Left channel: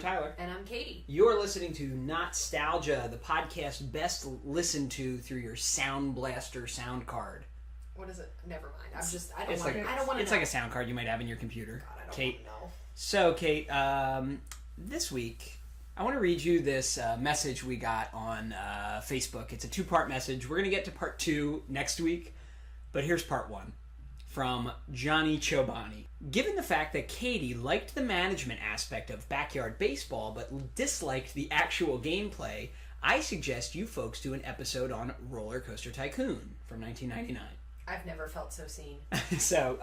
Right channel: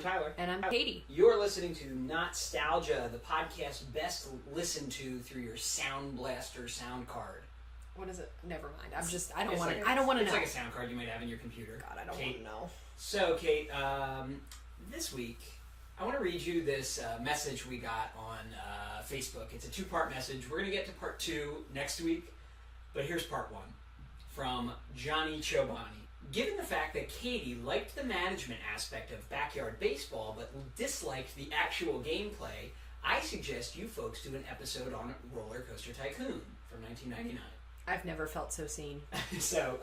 Tyler. And I'm Katie. You're listening to Not-Stalgia, the podcast best listened to through your Sound Blaster sound card. What is it? Never mind. I don't want to know. It's like a sound card you might have in your computer. God, I don't want to know. So, Kate, this week, I want to read you this message we got on Facebook. It's a two-part message. We're going to get to part 2 next week, but here's part 1. From Johnny Chobani. Given the fact that Katie liked the management aspect of backyard baseball but disliked the actual gameplay, I suggest you folks do an episode on RollerCoaster Tycoon from 1999. I've never felt so seen. So,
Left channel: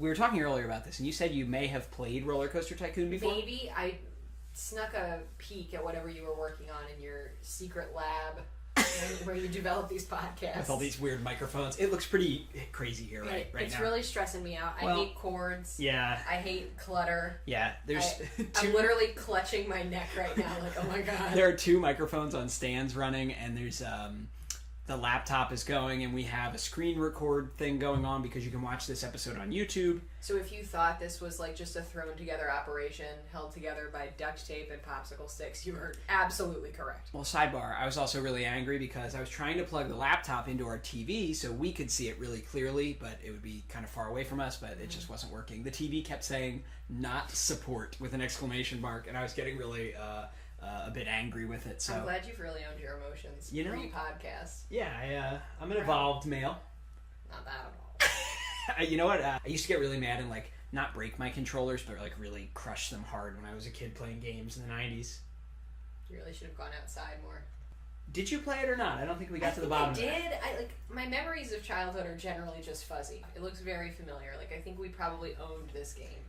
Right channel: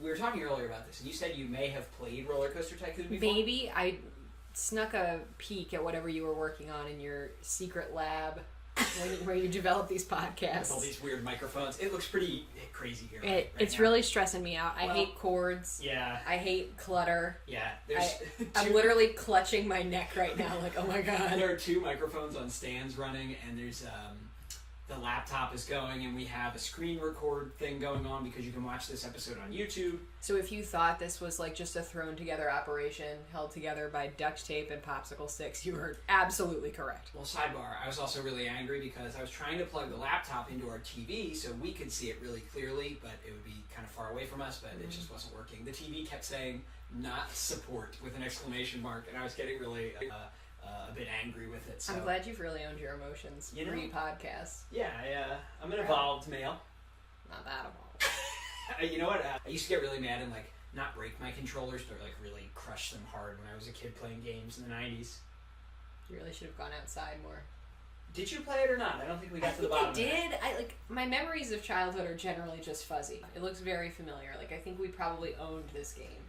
we were talking earlier about this, and you said you may have played RollerCoaster Tycoon before? Maybe. I snuck a peek at whatever you were working on in your secret lab where you develop these podcasts. With all these weird microphones. It looks pretty crazy here right It's now. really stressing me out. I hate cords. Yeah. I hate clutter. Yeah. I'm literally clutching my neck right now like, oh my god. There are 2 microphones on stands running, and there's the laptop is going, and we have a screen record thing going on because you can watch this episode on YouTube. So if you thought this was like just a thrown together operation held together by duct tape and popsicle sticks, you were absolutely correct. Well, sidebar, I was also really angry because I was trying to plug the laptop into our TV so we could see it really clearly, but it would be kind of far away from us, but it just wasn't working. The TV kept saying, "not support," with an exclamation mark, and I was getting really a bit angry with it. So I'm glad you've really owned your emotions pre-podcast. Yeah, I'm an evolved male. Not that evolved. You know what? I used to get really mad and not break my controllers, but really crush them hard when I was a kid playing games in the 90s. You really should have gone outside more. Did you play it or not? I don't think we got to the bottom of it. I did. My memories of childhood are generally just fuzzy. It looks very familiar. I think we probably owned this game,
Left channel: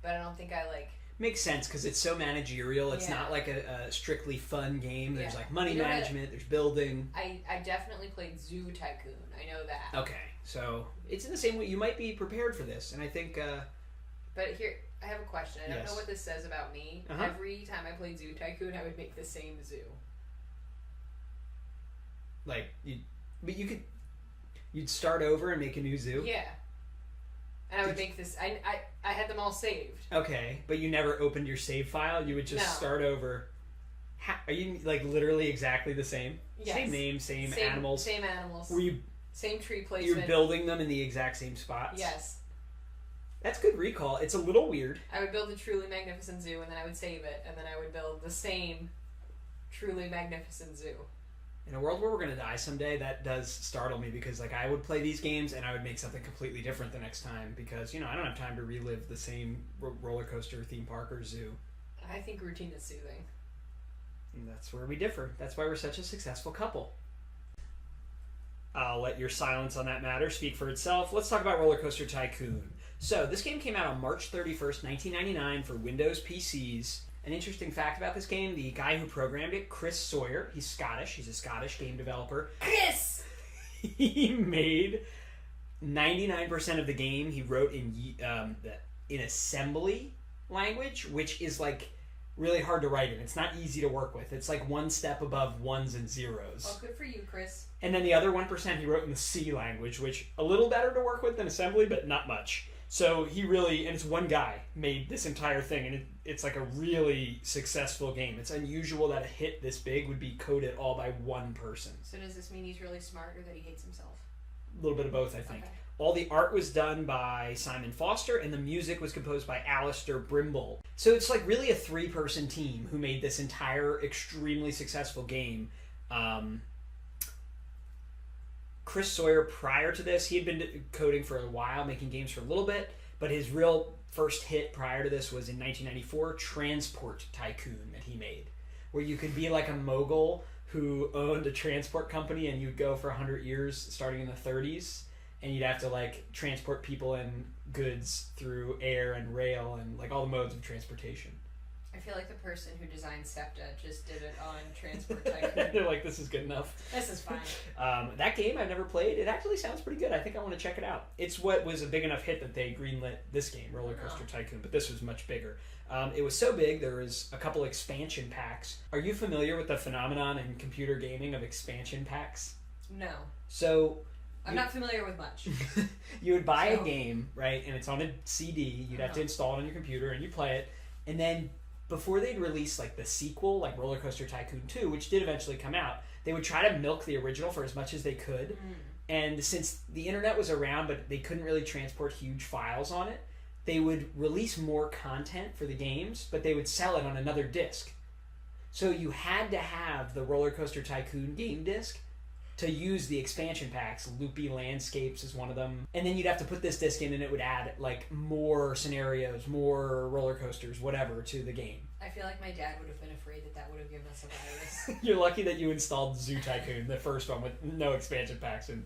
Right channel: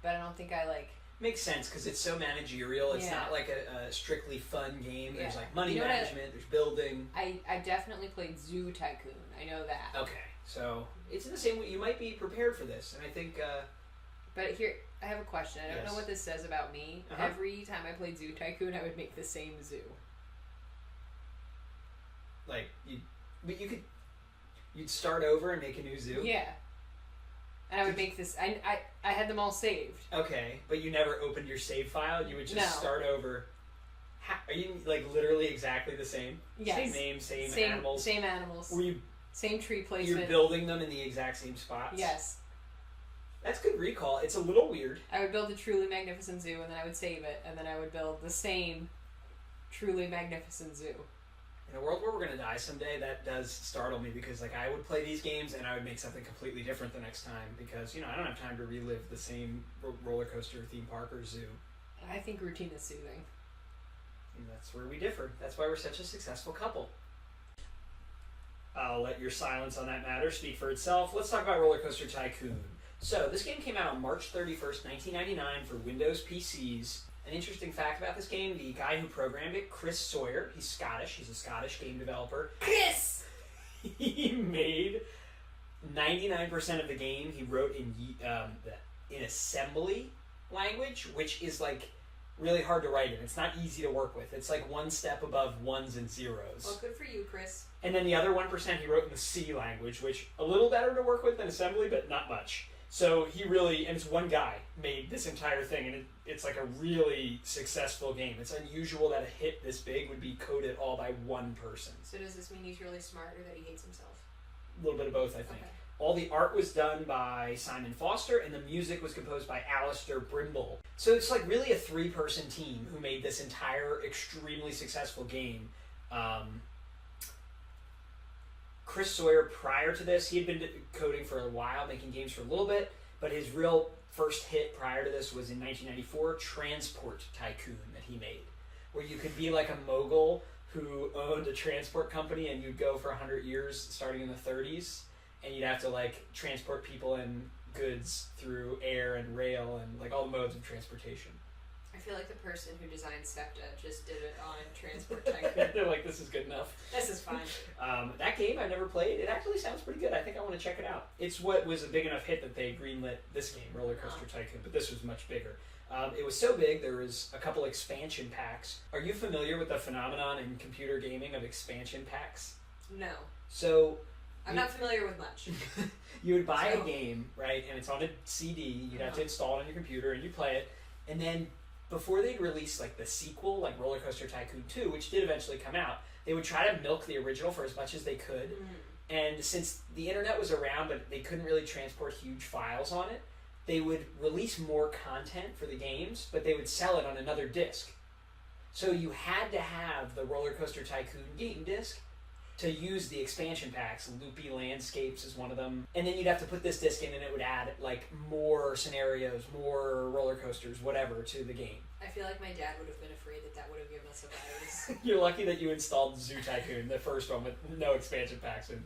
but I don't think I Makes sense because it's so managerial. It's not like a strictly fun game. There's money management. There's building. I definitely played Zoo Tycoon. I know that. Okay, so it's in the same way. You might be prepared for this, and I think. But here, I have a question. I don't know what this says about me. Uh-huh. Every time I played Zoo Tycoon, I would make the same zoo. You'd start over and make a new zoo. Yeah. And I would make this... I had them all saved. Okay, but you never opened your save file? You would just start over... Are you, literally exactly the same? Yes. Same name, same animals? Same animals. Same tree placement. You're building them in the exact same spots? Yes. That's good recall. It's a little weird. I would build a truly magnificent zoo, and then I would save it, and then I would build the same truly magnificent zoo. In a world where we're going to die someday, that does startle me because, I would play these games and I would make something completely different the next time because, I don't have time to relive the same roller coaster, theme park, or zoo. I think routine is soothing. And that's where we differ. That's why we're such a successful couple. I'll let your silence on that matter speak for itself. Let's talk about RollerCoaster Tycoon. So, this game came out on March 31st, 1999 for Windows PCs. An interesting fact about this game, the guy who programmed it, Chris Sawyer, he's Scottish. He's a Scottish game developer. Chris! He made 99% of the game he wrote in assembly language, which is really hard to write in. It's not easy to work with. It's one step above ones and zeros. Well, good for you, Chris. And then the other 1% he wrote in the C language, which a little better to work with than assembly, but not much. So he really, and it's one guy, made this entire thing, and it's a really successful game. It's unusual that a hit this big would be coded all by one person. So does this mean he's really smart or that he hates himself? A little bit of both, I think. Okay. All the art was done by Simon Foster, and the music was composed by Alistair Brimble. So it's really a 3-person team who made this entire extremely successful game. Chris Sawyer, prior to this, he had been coding for a while, making games for a little bit, but his real first hit prior to this was in 1994, Transport Tycoon, that he made, where you could be a mogul who owned a transport company and you'd go for 100 years, starting in the 30s, and you'd have to transport people and goods through air and rail and all the modes of transportation. I feel like the person who designed SEPTA just did it on Transport Tycoon. They're this is good enough. This is fine. That game I've never played. It actually sounds pretty good. I think I want to check it out. It's what was a big enough hit that they greenlit this game, RollerCoaster Tycoon, but this was much bigger. It was so big, there was a couple expansion packs. Are you familiar with the phenomenon in computer gaming of expansion packs? No. So... I'm not familiar with much. You would buy a game, right, and it's on a CD. You'd have to install it on your computer, and you play it, and then before they'd release like the sequel, like RollerCoaster Tycoon 2, which did eventually come out, they would try to milk the original for as much as they could. And since the internet was around, but they couldn't really transport huge files on it, they would release more content for the games, but they would sell it on another disc. So you had to have the RollerCoaster Tycoon game disc to use the expansion packs. Loopy Landscapes is one of them. And then you'd have to put this disc in and it would add like more scenarios, more roller coasters, whatever, to the game. I feel like my dad would have been afraid that would have given us a virus. You're lucky that you installed Zoo Tycoon, the first one with no expansion packs, and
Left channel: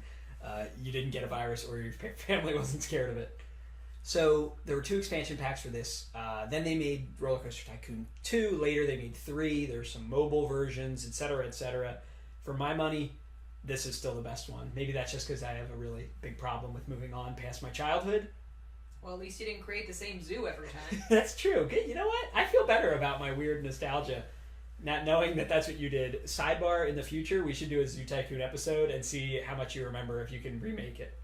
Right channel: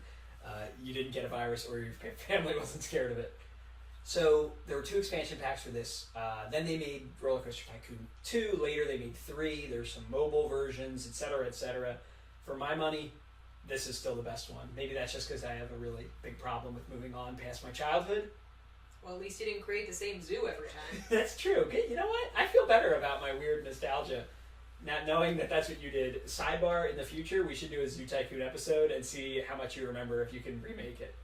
you didn't get a virus or your family wasn't scared of it. So there were 2 expansion packs for this. Then they made RollerCoaster Tycoon 2. Later they made 3. There's some mobile versions, etc., etc. For my money, this is still the best one. Maybe that's just because I have a really big problem with moving on past my childhood. Well, at least you didn't create the same zoo every time. That's true. Okay, you know what? I feel better about my weird nostalgia, not knowing that that's what you did. Sidebar, in the future, we should do a Zoo Tycoon episode and see how much you remember if you can remake it.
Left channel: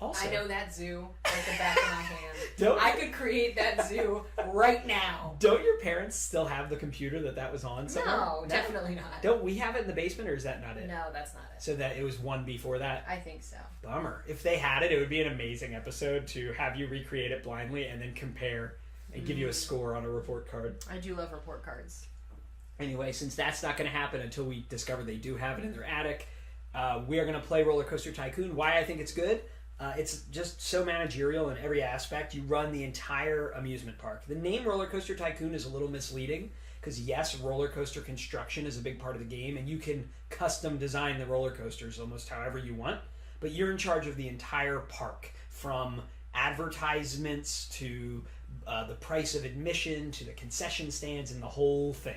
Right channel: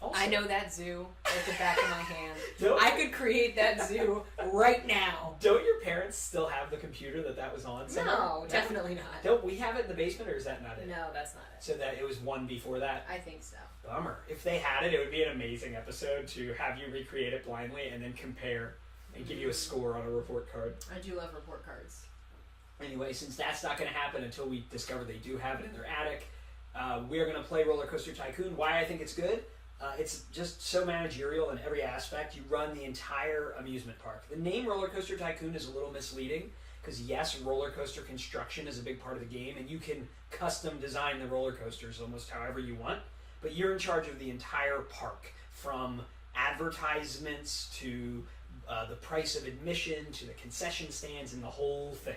Also, I know that zoo like the back of my hand. Don't- I could create that zoo right now. Don't your parents still have the computer that was on somewhere? No, definitely not. Don't we have it in the basement, or is that not it? No, that's not it. So that it was one before that? I think so. Bummer. If they had it, it would be an amazing episode to have you recreate it blindly and then compare and give you a score on a report card. I do love report cards. Anyway, since that's not going to happen until we discover they do have it in their attic, we are going to play RollerCoaster Tycoon. Why I think it's good? It's just so managerial in every aspect. You run the entire amusement park. The name RollerCoaster Tycoon is a little misleading because, yes, roller coaster construction is a big part of the game, and you can custom design the roller coasters almost however you want, but you're in charge of the entire park, from advertisements to the price of admission to the concession stands and the whole thing.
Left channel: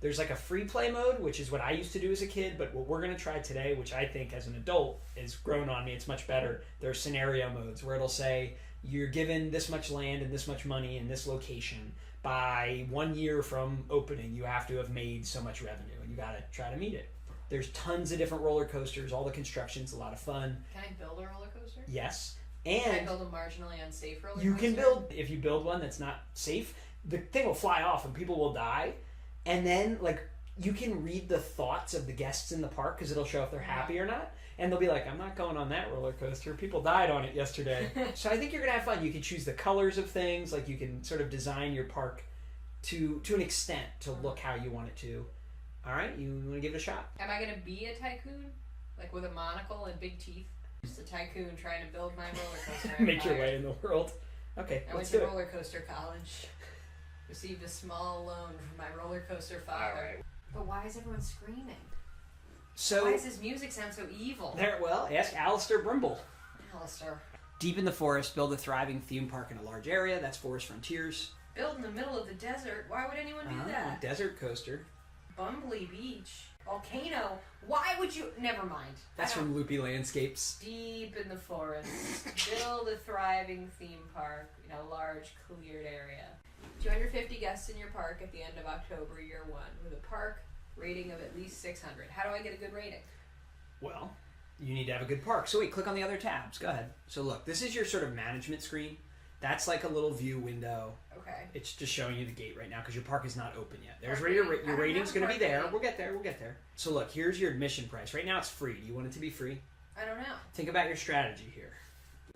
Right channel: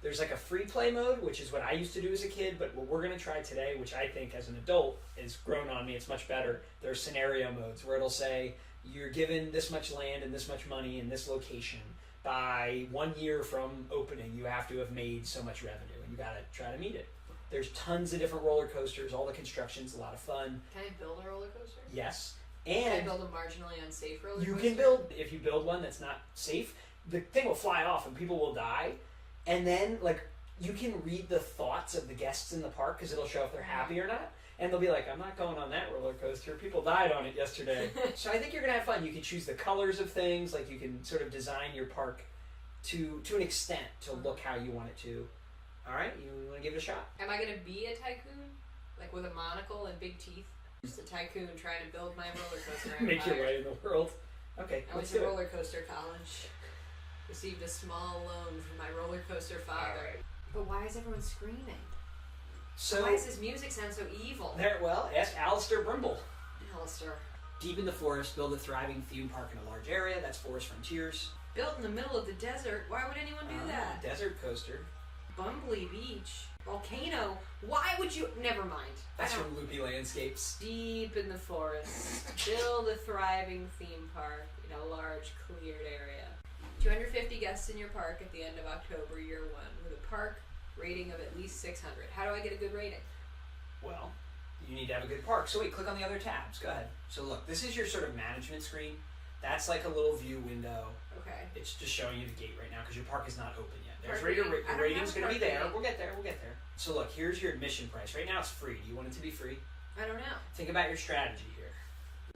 There's like a free play mode, which is what I used to do as a kid, but what we're going to try today, which I think as an adult is grown on me, it's much better. There are scenario modes where it'll say you're given this much land and this much money in this location. By 1 year from opening, you have to have made so much revenue, and you got to try to meet it. There's tons of different roller coasters. All the construction's a lot of fun. Can I build a roller coaster? Yes. Can I And build a marginally unsafe roller coaster? you can build, if you build one that's not safe, the thing will fly off and people will die. And then, like, you can read the thoughts of the guests in the park because it'll show if they're happy or not. And they'll be like, I'm not going on that roller coaster. People died on it yesterday. So I think you're going to have fun. You can choose the colors of things. Like, you can sort of design your park to an extent to look how you want it to. All right, you want to give it a shot? Am I going to be a tycoon? Like with a monocle and big teeth? Just a tycoon trying to build my roller coaster empire. Make your way in the world. Okay, I went to roller coaster college. Received a small loan from my roller coaster father. Right. But why is everyone screaming? So why does this music sound so evil? well, ask Alistair Brimble. Alistair. Deep in the forest, build a thriving theme park in a large area. That's Forest Frontiers. Built in the middle of the desert. Why would anyone do that? Desert coaster. Bumbly Beach. Volcano. Why would you? Never mind. That's from Loopy Landscapes. Deep in the forest. Build a thriving theme park in a large cleared area. 250 guests in your park at the end of October, year 1, with a park rating of at least 600. How do I get a good rating? Well, you need to have a good park. So wait, click on the other tabs. Go ahead. So look, this is your sort of management screen. That's like a little view window. Okay. It's just showing you the gate right now because your park is not open yet. There's Park your rating. rating's going to be there. Rating. We'll get there. We'll get there. So look, here's your admission price. Right now it's free. Do you want it to be free? I don't know. Think about your strategy here.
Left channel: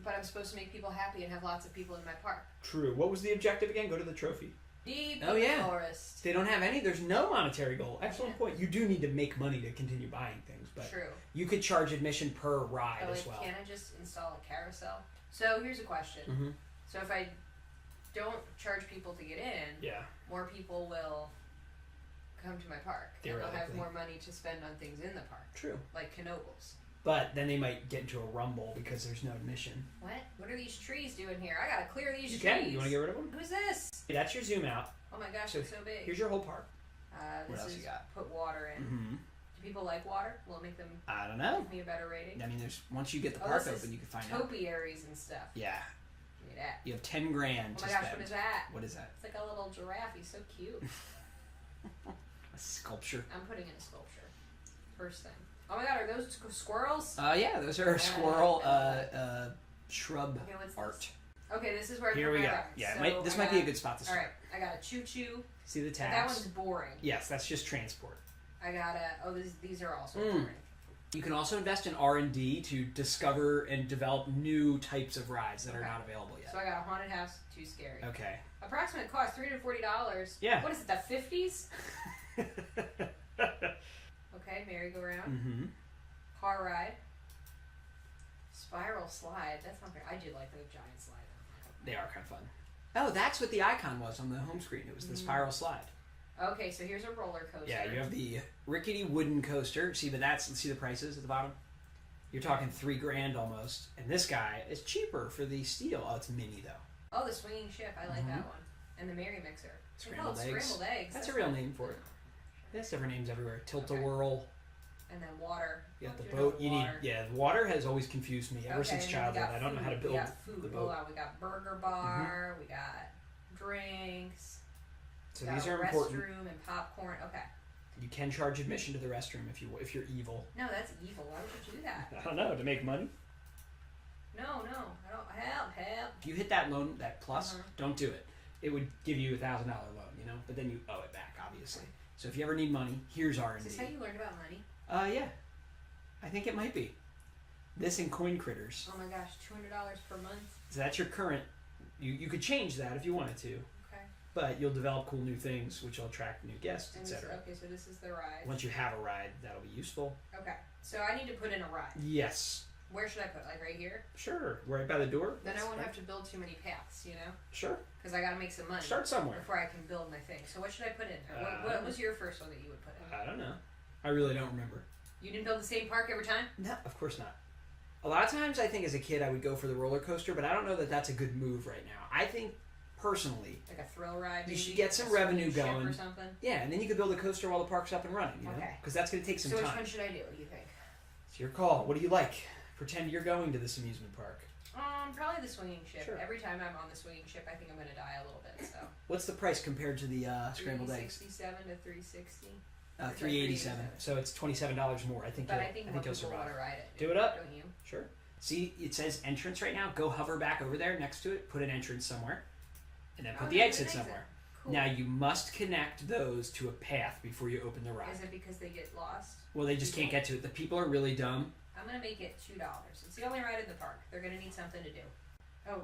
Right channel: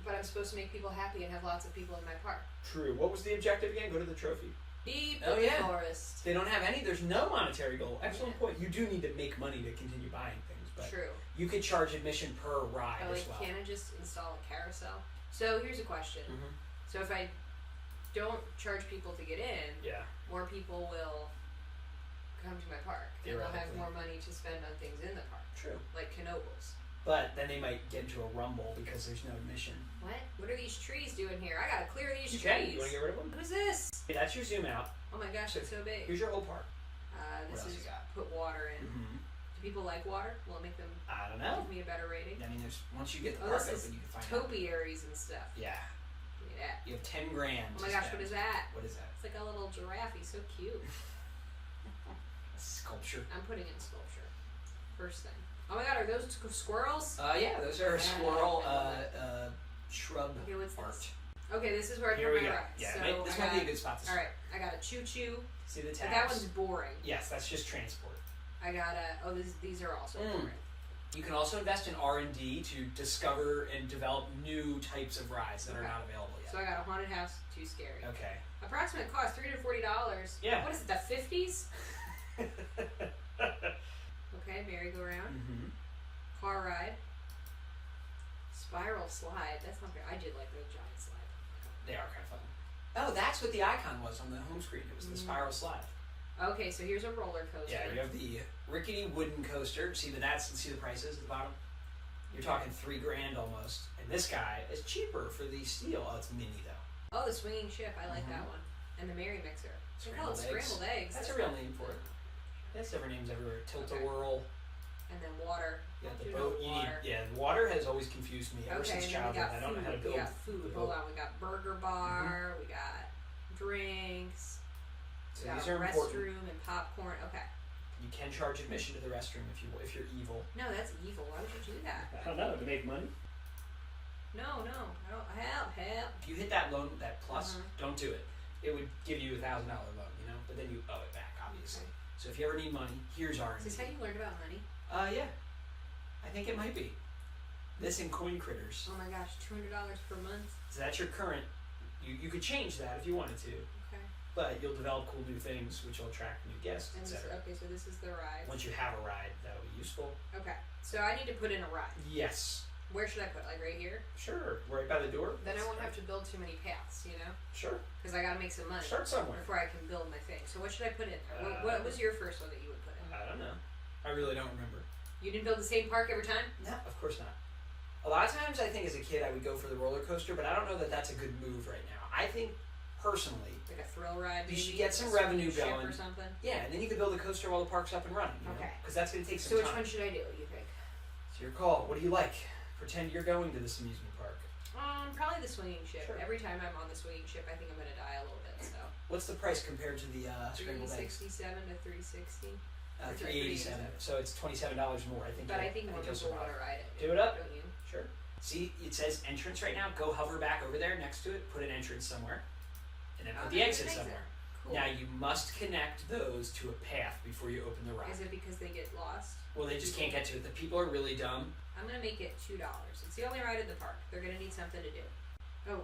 But I'm supposed to make people happy and have lots of people in my park. True. What was the objective again? Go to the trophy. Deep Oh, in the yeah. forest. They don't have any. There's no monetary goal. Excellent Yeah. point. You do need to make money to continue buying things, but True. you could charge admission per ride Oh, as like, well. can't I just install a carousel? So here's a question. Mm-hmm. So if I don't charge people to get in, Yeah. more people will come to my park. And they'll have Theoretically. more money to spend on things in the park, True. like Knobles. But then they might get into a rumble because there's no admission. What? What are these trees doing here? I gotta clear these Okay, trees. you want to get rid of them? What is this? Hey, that's your zoom out. Oh my gosh, So it's so big. Here's your whole park. This else is you got? put water in. Mm-hmm. Do people like water? Will it make them I don't know. give me a better rating? I mean, there's once you get the Oh, park this is open, you can find out. Topiaries and stuff. Yeah. Look at that. You have 10 grand. Oh my to gosh, spend. what is that? What is that? It's like a little giraffe. He's so cute. A sculpture. I'm putting in sculpture. First thing. Oh my god, are those squirrels? Yeah, those are Yeah, squirrel I know. shrub Okay, what's art. this? Okay, this is where I Here put we my go. ride. Yeah, So this might be a good spot to start. Alright, I got a choo-choo. See the But tabs? that one's boring. Yes, that's just transport. I got a... Oh, these are also boring. You can also invest in R&D to discover and develop new types of rides that are not available yet. So I got a haunted house, too scary. Okay. Approximate cost, $340. Yeah. What is it, the 50s? Okay, merry-go-round. Mm-hmm. Car ride. Spiral slide. That's not fair. I did like those giant slides. They are kind of fun. Oh, that's what the icon was on the home screen. It was the spiral slide. Okay, so here's a roller coaster. Yeah, you have the rickety wooden coaster. See the prices at the bottom? You're talking $3,000 almost. And this guy is cheaper for the steel. Oh, it's mini though. Oh, the swinging ship. I like that one. And the Merry Mixer. Scrambled eggs. Scrambled eggs. That's a real name for it. There's different names everywhere. Tilt-a-whirl. And then water. You got the boat. You need. Yeah, water has always confused me ever since childhood. I don't know how to build. We got food. Hold on. We got burger bar. We got drinks. So we got these a are important. restroom and popcorn. Okay. You can charge admission to the restroom if you're evil. No, that's evil. Why would you do that? I don't know, to make money. No, I don't. Help. If you hit that plus, don't do it. It would give you $1,000 loan, but then you owe it back, obviously. Okay. So if you ever need money, here's R&D. Is this how you learned about money? Yeah. I think it might be. This and coin critters. Oh my gosh, $200 per month. So that's your current. You could change that if you wanted to. Okay. But you'll develop cool new things, which will attract new guests, etc. Okay, so this is the ride. Once you have a ride, that'll be useful. Okay, so I need to put in a ride. Yes. Where should I put? Like right here? Sure. Right by the door. Then I won't have to build too many paths, Sure. Because I gotta make some money. Start somewhere. Before I can build my thing. So what should I put in? What was your first one that you would put in? I don't know. I really don't remember. You didn't build the same park every time? No, of course not. A lot of times I think as a kid I would go for the roller coaster, but I don't know that that's a good move right now. I think, personally, like a thrill ride, you should get some revenue going. Or something? Yeah, and then you could build a coaster while the park's up and running. Okay. Because that's going to take some time. time. So which one should I do? What do you think? It's your call. What do you like? Pretend you're going to this amusement park. Probably the swinging ship. Sure. Every time I'm on the swinging ship, I think I'm going to die a little bit. So. What's the price compared to the scrambled eggs? $367 to $360. $387. So it's $27 more. I think. But I think more you'll people want survive. to ride it. Do it up. Don't you? Sure. See, it says entrance right now. Go hover back over there next to it. Put an entrance somewhere, and then put the exit somewhere. Cool. Now you must connect those to a path before you open the ride. Is it because they get lost? Well, they just can't get to it. The people are really dumb. I'm gonna make it $2. It's the only ride in the park. They're gonna need something to do. Oh,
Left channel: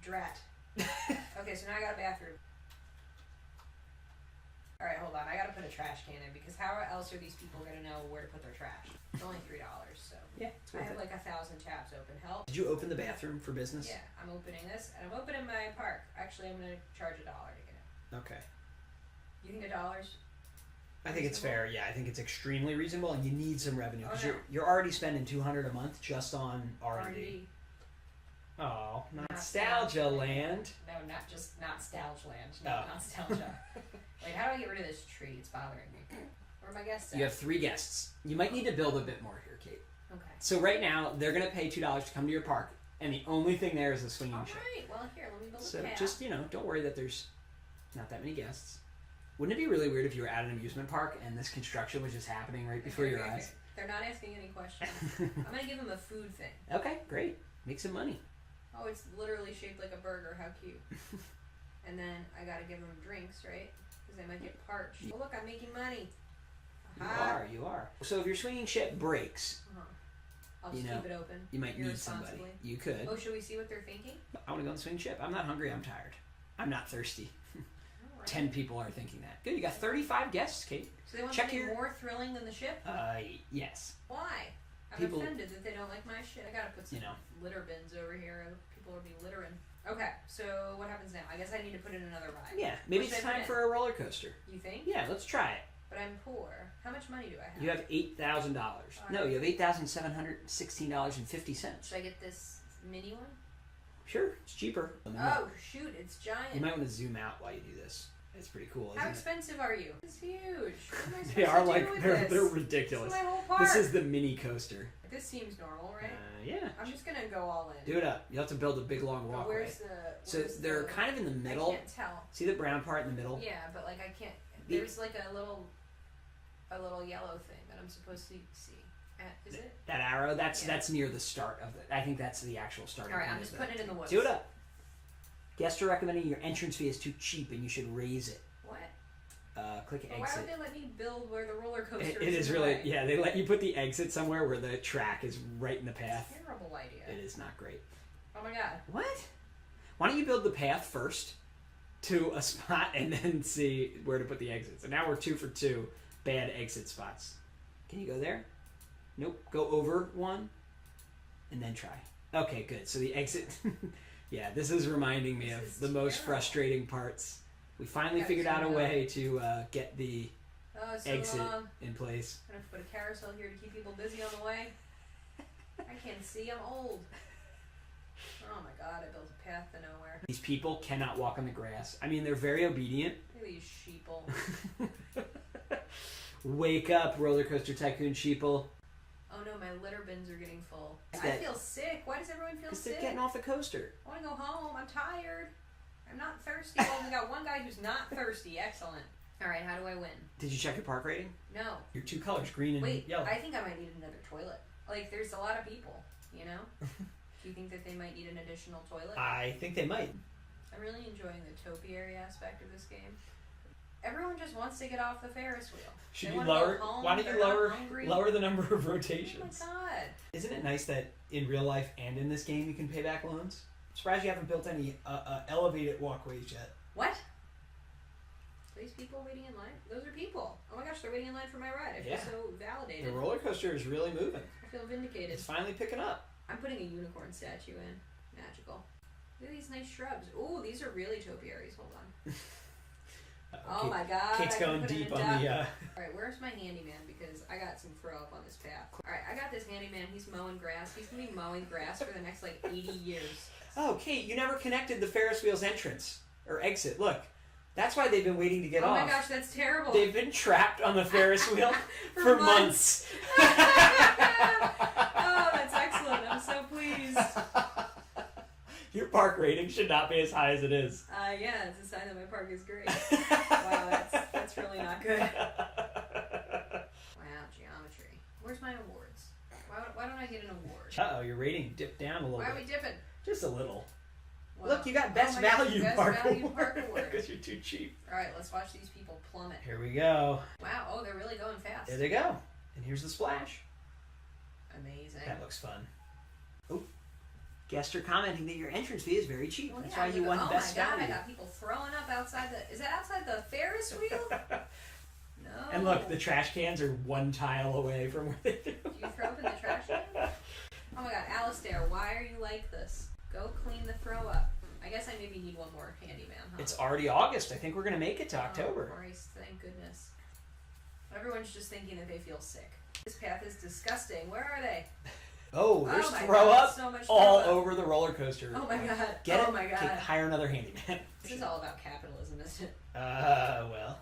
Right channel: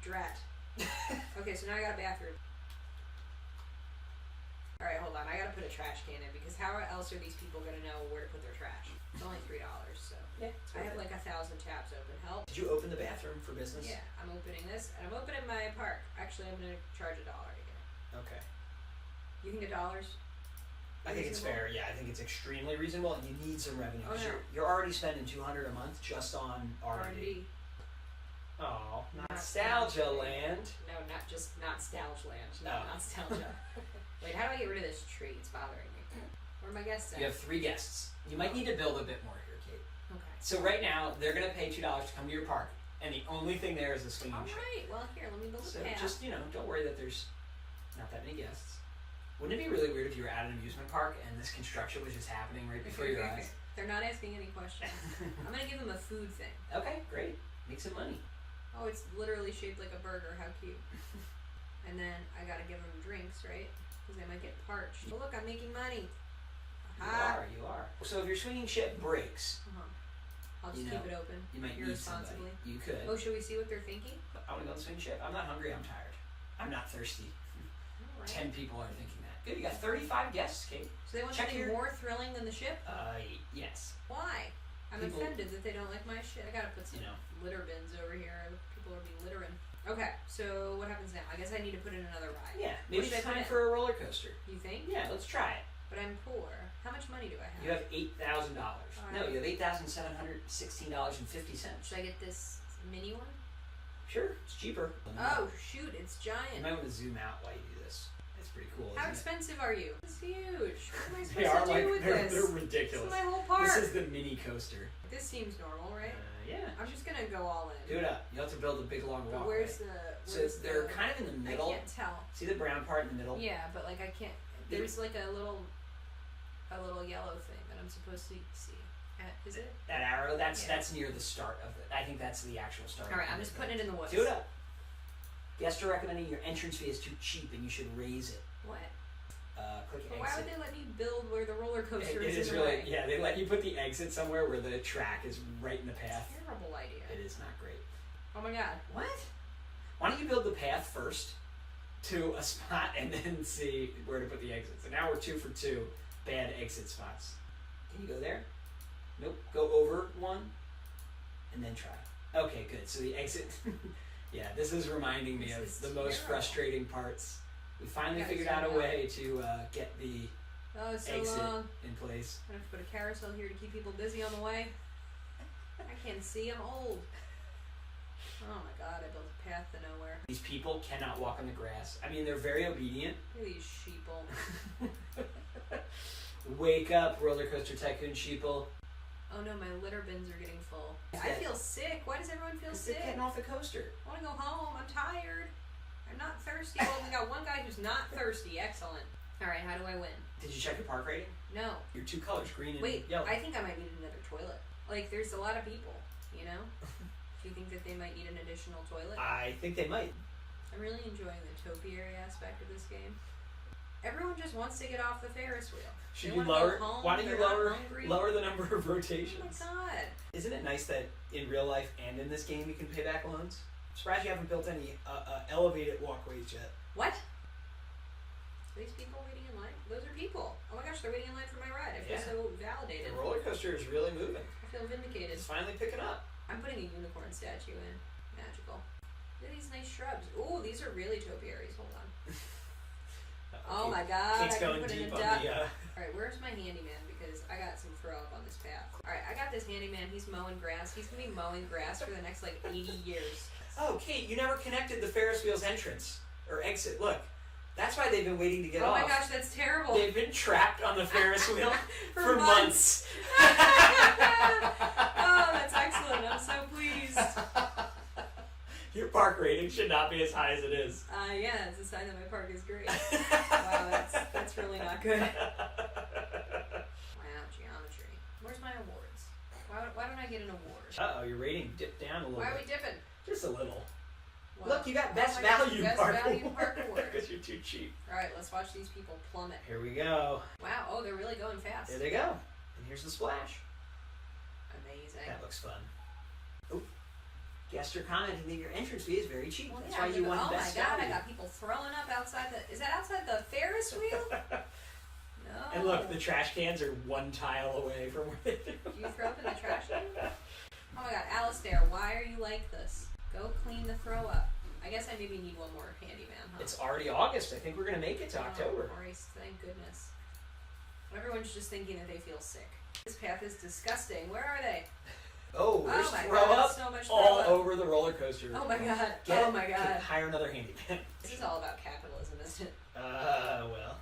drat. Okay, so now I got a bathroom. Alright, hold on. I gotta put a trash can in because how else are these people gonna know where to put their trash? It's only $3, so. Yeah. I have like 1,000 tabs open. Help. Did you open the bathroom for business? Yeah, I'm opening this and I'm opening my park. Actually, I'm gonna charge $1 to get it. Okay. You think $1? I think it's fair. Yeah, I think it's extremely reasonable, and you need some revenue because Oh, no. you're already spending $200 a month just on R&D. R&D. Oh, Not-Stalgia Land. No, not just Not-Stalgia Land. Oh. No, Not-Stalgia. Wait, how do I get rid of this tree? It's bothering me. Where are my guests at? You have 3 guests. You might need to build a bit more here, Kate. Okay. So right now they're gonna pay $2 to come to your park, and the only thing there is the swinging ship. Alright, well here, let me build So a path. just don't worry that there's not that many guests. Wouldn't it be really weird if you were at an amusement park and this construction was just happening right before your eyes? They're not asking any questions. I'm gonna give them a food thing. Okay, great. Make some money. Oh, it's literally shaped like a burger. How cute. And then I gotta give them drinks, right? Because they might get parched. Oh look, I'm making money. Aha. You are. So if your swinging ship breaks, I'll just keep it open. you might need somebody. You could. Oh, should we see what they're thinking? I want to go on the swinging ship. I'm not hungry. I'm tired. I'm not thirsty. All right. 10 people are thinking that. Good. You got 35 guests, Kate. So they want Check something your- more thrilling than the ship? Yes. Why? I'm People- offended that they don't like my shit. I gotta put some litter bins over here. People will be littering. Okay, so what happens now? I guess I need to put in another ride. Yeah. Maybe What should it's I put time in? for a roller coaster. You think? Yeah. Let's try it. But I'm poor. How much money do I have? You have $8,000. No, you have $8,716.50. Should I get this mini one? Sure, it's cheaper. Oh shoot, it's giant. You might want to zoom out while you do this. It's pretty cool. How Isn't expensive are you? It's huge. What am I supposed They are to do with this? they're ridiculous. This is my whole park. This is the mini coaster. This seems normal, right? Yeah. I'm just gonna go all in. Do it up. You have to build a big long But walkway. where's So they're kind of in the middle. I can't tell. See the brown part in the middle? Yeah, but like I can't. There's like a little yellow thing that I'm supposed to see. Is it? That arrow. That's near the start of it. I think that's the actual start. All right, I'm just putting it in the woods. Do it up. Guests are recommending your entrance fee is too cheap and you should raise it. What? Click But exit. why would they let me build where the roller coaster It is in the really, way? yeah, they let you put the exit somewhere where the track is right in the path. Terrible idea. It is not great. Oh my god. What? Why don't you build the path first to a spot and then see where to put the exits? And now we're 2 for 2 bad exit spots. Can you go there? Nope. Go over one and then try. Okay, good. So the exit. Yeah, this is reminding me of the most frustrating parts. We finally figured out a way to get the exit in place. I have to put a carousel here to keep people busy on the way. I can't see. I'm old. Oh my god, I built a path to nowhere. These people cannot walk on the grass. I mean, they're very obedient. Look at these sheeple. Wake up, RollerCoaster Tycoon sheeple. Oh no, my litter bins are getting full. Is I that- feel sick. Why does everyone feel Because they're sick? getting off the coaster. I want to go home. I'm tired. I'm not thirsty. Well, we got one guy who's not thirsty. Excellent. All right, how do I win? Did you check your park rating? No. Your 2 colors, green and Wait, yellow. I think I might need another toilet. Like, there's a lot of people, you know? Do you think that they might need an additional toilet? I think they might. I'm really enjoying the topiary aspect of this game. Everyone just wants to get off the Ferris wheel. Should They you wanna lower? go home, Why don't they're you not lower hungry. lower the number of Oh rotations? my god. Isn't it nice that in real life and in this game you can pay back loans? I'm surprised you haven't built any elevated walkways yet. What? Are these people waiting in line? Those are people. Oh my gosh, they're waiting in line for my ride. I feel Yeah. so The validated. roller coaster is really moving. I feel vindicated. It's finally picking up. I'm putting a unicorn statue in. Magical. Look at these nice shrubs. Ooh, these are really topiaries. Hold on. Oh my god. Kate's I can going put in deep a on duck. the. Alright, where's my handyman? Because I got some throw up on this path. Alright, I got this handyman. He's mowing grass. He's gonna be mowing grass for the next like 80 years. Oh, Kate, you never connected the Ferris wheel's entrance or exit. Look, that's why they've been waiting to get Oh off. my gosh, that's terrible. They've been trapped on the Ferris wheel For for months. Oh, that's excellent. I'm so pleased. Your park rating should not be as high as it is. Yeah, it's a sign that my park is great. Wow, that's really not good. Wow, geometry. Where's my awards? Why don't I get an award? Uh-oh, your rating dipped down a little Why are bit. we dipping? Just a little. Well, Look, you got oh best my gosh, value best park value park award. because you're too cheap. Alright, let's watch these people plummet. Here we go. Wow, oh, they're really going fast. There they go. And here's the splash. Amazing. That looks fun. Oop. Guests are commenting that your entrance fee is very cheap. Well, That's yeah, why you won oh best my god, value. I got people throwing up outside the... Is that outside the Ferris wheel? No. And look, the trash cans are 1 tile away from where they do. Do you throw up in the trash can? Oh my god, Alistair, why are you like this? Go clean the throw up. I guess I maybe need one more handyman, huh? It's already August. I think we're going to make it to October. Oh, Christ, thank goodness. Everyone's just thinking that they feel sick. This path is disgusting. Where are they? Oh, there's my throw god, up so much all throw up. over the roller coaster. Oh my god. Get oh it? my god. Hire another handyman. This is all about capitalism, isn't it? Well,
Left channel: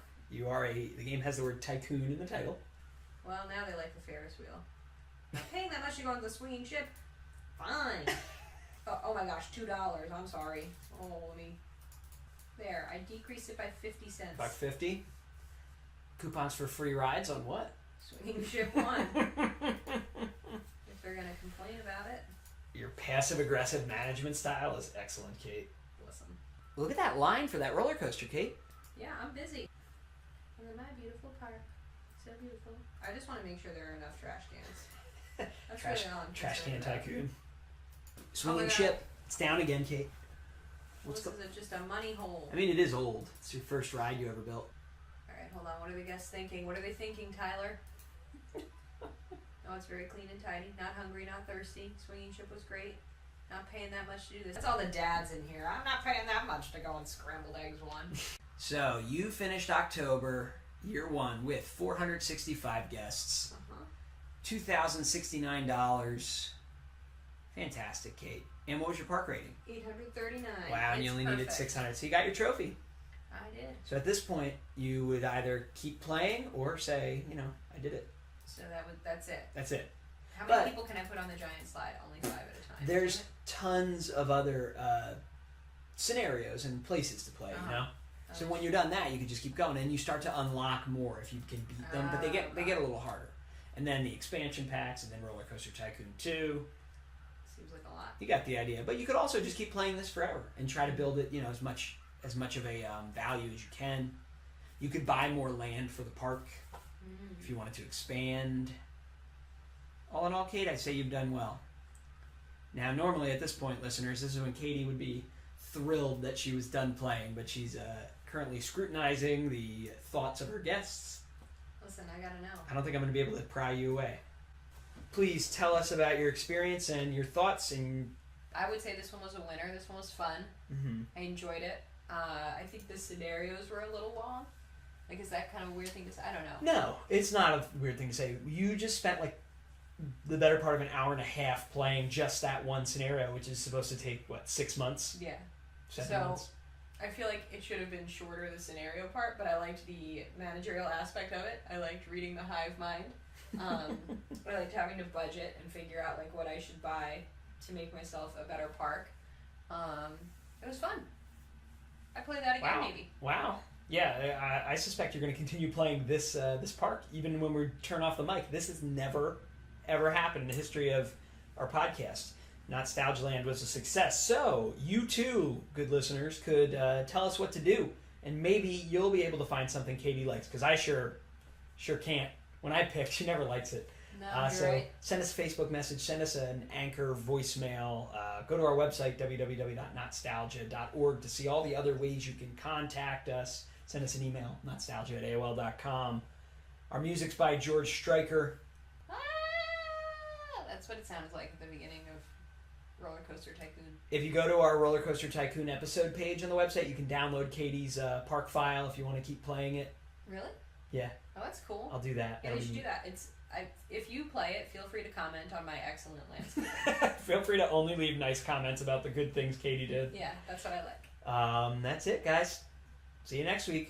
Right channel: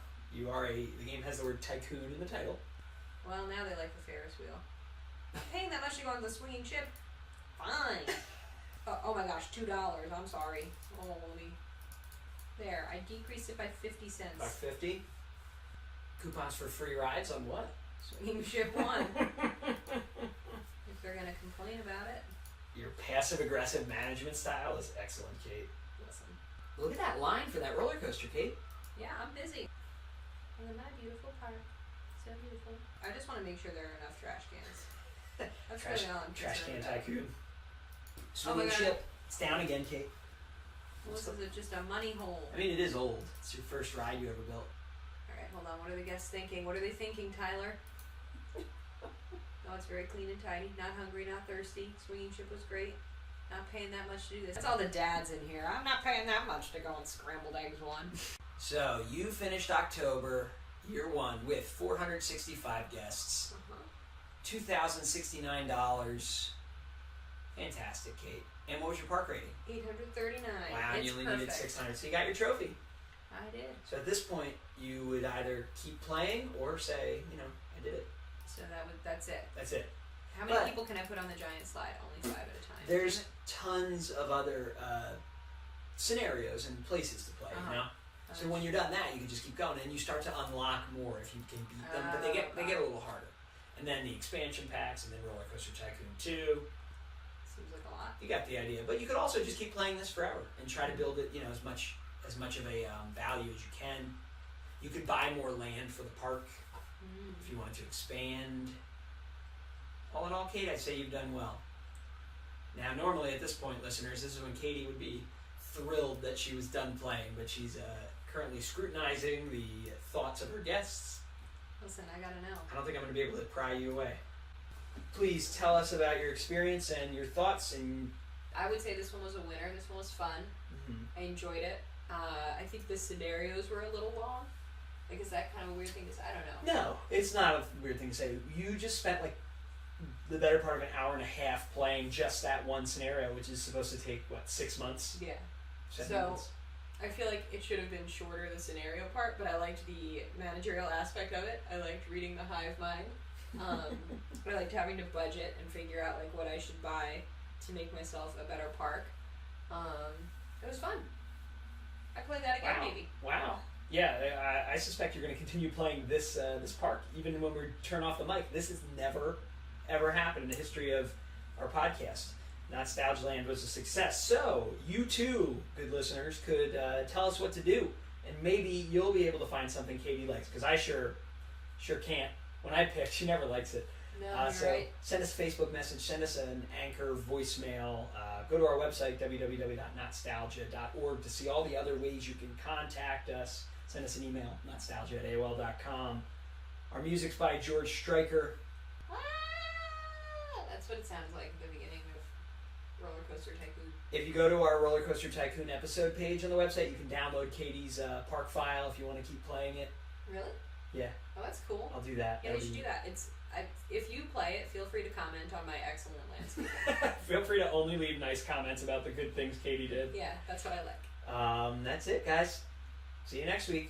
the game has the word tycoon in the title. Well, now they like the Ferris wheel. Not paying that much to go on the swinging ship. Fine. Oh my gosh, $2. I'm sorry. Oh, let me. There, I decreased it by 50 cents. $1.50. Coupons for free rides on what? Swinging ship 1. If they're gonna complain about it, Your passive-aggressive management style is excellent, Kate. listen. Look at that line for that roller coaster, Kate. Yeah, I'm busy. And then my beautiful park. So beautiful. I just want to make sure there are enough trash cans. That's Trash, really all I'm trash can concerned about. tycoon. Oh Swinging my God. ship. It's down again, Kate. Well, this is just a money hole. I mean, it is old. It's your first ride you ever built. Alright, hold on. What are the guests thinking? What are they thinking, Tyler? Oh, it's very clean and tidy. Not hungry, not thirsty. Swinging ship was great. Not paying that much to do this. That's all the dads in here. I'm not paying that much to go on scrambled eggs 1. So, you finished October, year 1, with 465 guests. $2,069. Fantastic, Kate. And what was your park rating? 839. Wow, and It's you only perfect. needed 600. So you got your trophy. I did. So at this point, you would either keep playing or say, I did it. So that's it. That's it. How many But- people can I put on the giant slide? Only 5 at a time. There's tons of other scenarios and places to play, So when you're done that, you can just keep going, and you start to unlock more if you can beat them. But they get a little harder. And then the expansion packs, and then RollerCoaster Tycoon 2. So Seems like a lot. You got the idea. But you could also just keep playing this forever and try to build it, as much of a value as you can. You could buy more land for the park if you wanted to expand. All in all, Kate, I'd say you've done well. Now, normally at this point, listeners, this is when Katie would be thrilled that she was done playing, but she's currently scrutinizing the thoughts of her guests. Listen, I gotta know. I don't think I'm going to be able to pry you away. Please tell us about your experience and your thoughts. And I would say this one was a winner. This one was fun. I enjoyed it. I think the scenarios were a little long. Like, is that kind of a weird thing to say? I don't know. No, it's not a weird thing to say. You just spent like the better part of an hour and a half playing just that one scenario, which is supposed to take, 6 months? Yeah. 7 So, months? I feel like it should have been shorter, the scenario part, but I liked the managerial aspect of it. I liked reading the hive mind. I liked having to budget and figure out like what I should buy to make myself a better park. It was fun. I play that again, maybe. Wow. Yeah, I suspect you're going to continue playing this park even when we turn off the mic. This has never, ever happened in the history of our podcast. Not-Stalgia Land was a success. So, you too, good listeners, could tell us what to do. And maybe you'll be able to find something Katie likes, because I sure can't. When I pick, she never likes it. No, you're right. Send us a Facebook message, send us an Anchor voicemail, go to our website, www.notstalgia.org, to see all the other ways you can contact us. Send us an email, notstalgia@aol.com. Our music's by George Stryker. That's what it sounds like at the beginning of RollerCoaster Tycoon. If you go to our RollerCoaster Tycoon episode page on the website, you can download Katie's park file if you want to keep playing it. Really? Yeah. Oh, that's cool. I'll do that. Yeah, you should do that. If you play it, feel free to comment on my excellent landscape. Feel free to only leave nice comments about the good things Katie did. Yeah, that's what I like. That's it, guys. See you next week.